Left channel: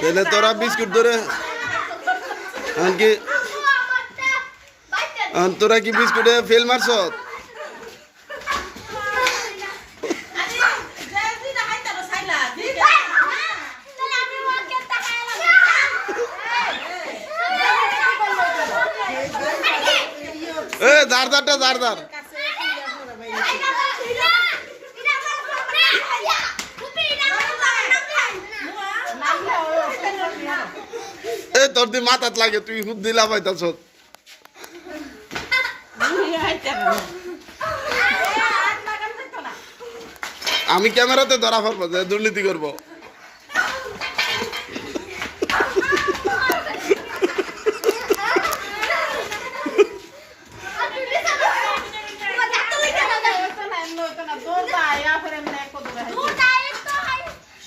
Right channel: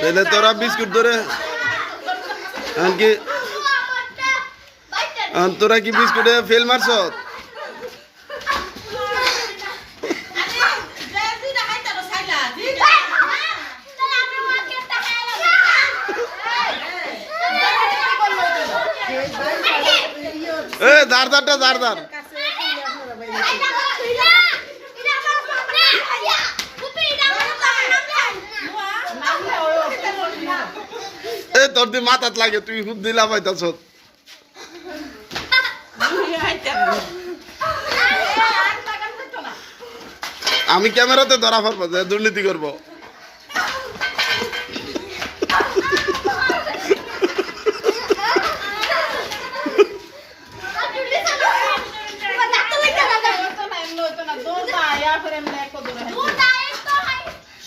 তাহলে তোরা বিস্কুট ধরে কি তোরা কি বিস্কুটে ফেল মারছ? দারদারটা দারদার তোর দি মাথাত লাগে তুই খুব দিলা পাইতাছ। আমি ক্যামেরাতে ধরা পড়বো যে দুর্নীতি করবো।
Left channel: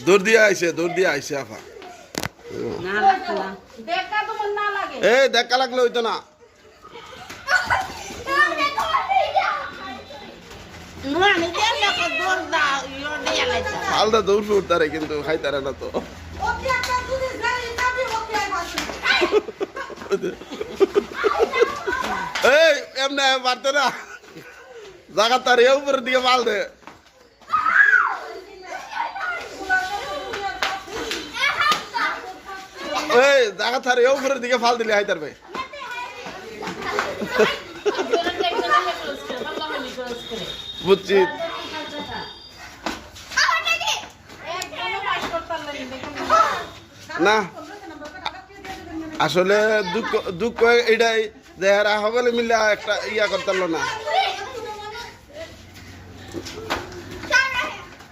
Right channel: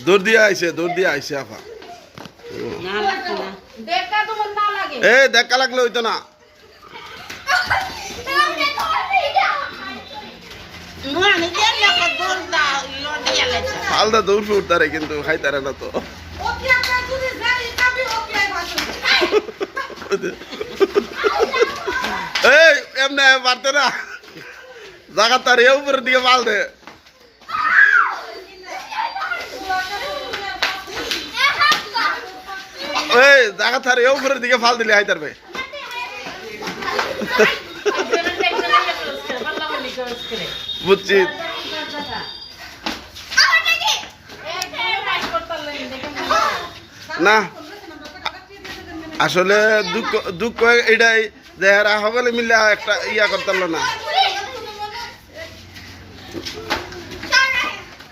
দৌড় দিয়ে আইসে আফা দেখা লাগলে হইতো না। ফালদা দৌড় ফুটতারে কিন্তু খাইতারে না তো। এই এমনি পারতে না জায়গা তার উপরের দিকে পাল দে। ওই জায়গা তার উপরের দিকে ফাল দিলে হাইতার ভাই। বুঝছি না আসলে দুঃখ এটাই যে এরা সকলে মিলে একটা ইয়া করতে না।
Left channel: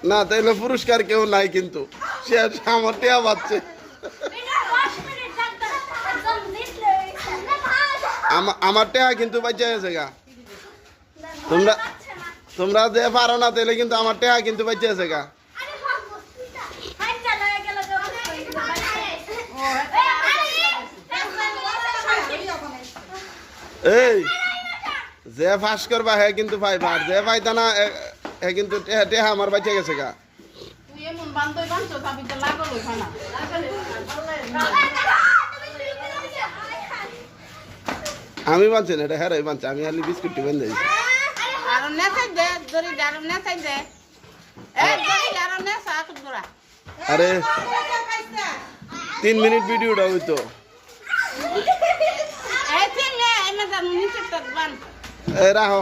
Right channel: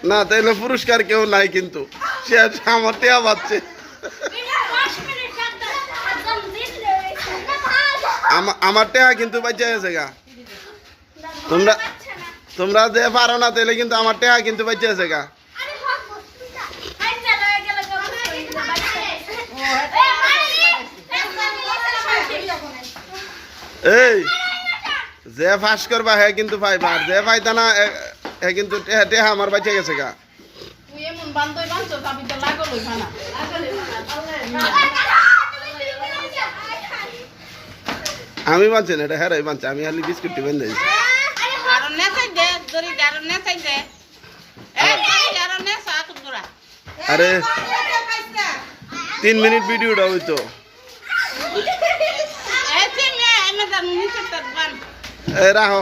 না তাইলে পুরস্কার কেউ নাই কিন্তু সে আমার টেয়া পাচ্ছে। আমার টেহা কিন্তু বাচ্চা গেছে গা। তোমরা যে পারো না তাইলে কিন্তু আমার টেহা কিন্তু বাচ্চা গেছে গা। এই যে ফাঁস করবা হ্যাঁ কিন্তু পাইবা, আর যে পাইতা না হ্যাঁ কিন্তু টেহা আমার বাচ্চা গেছে গা। আমি বানছি না, এটা হ্যাঁ বানছি, আমি খালি বিস্কুটটি বেঁধে দিয়েছি। আরে 3 মিনিট ভিডিওটা হইতো। রাখো।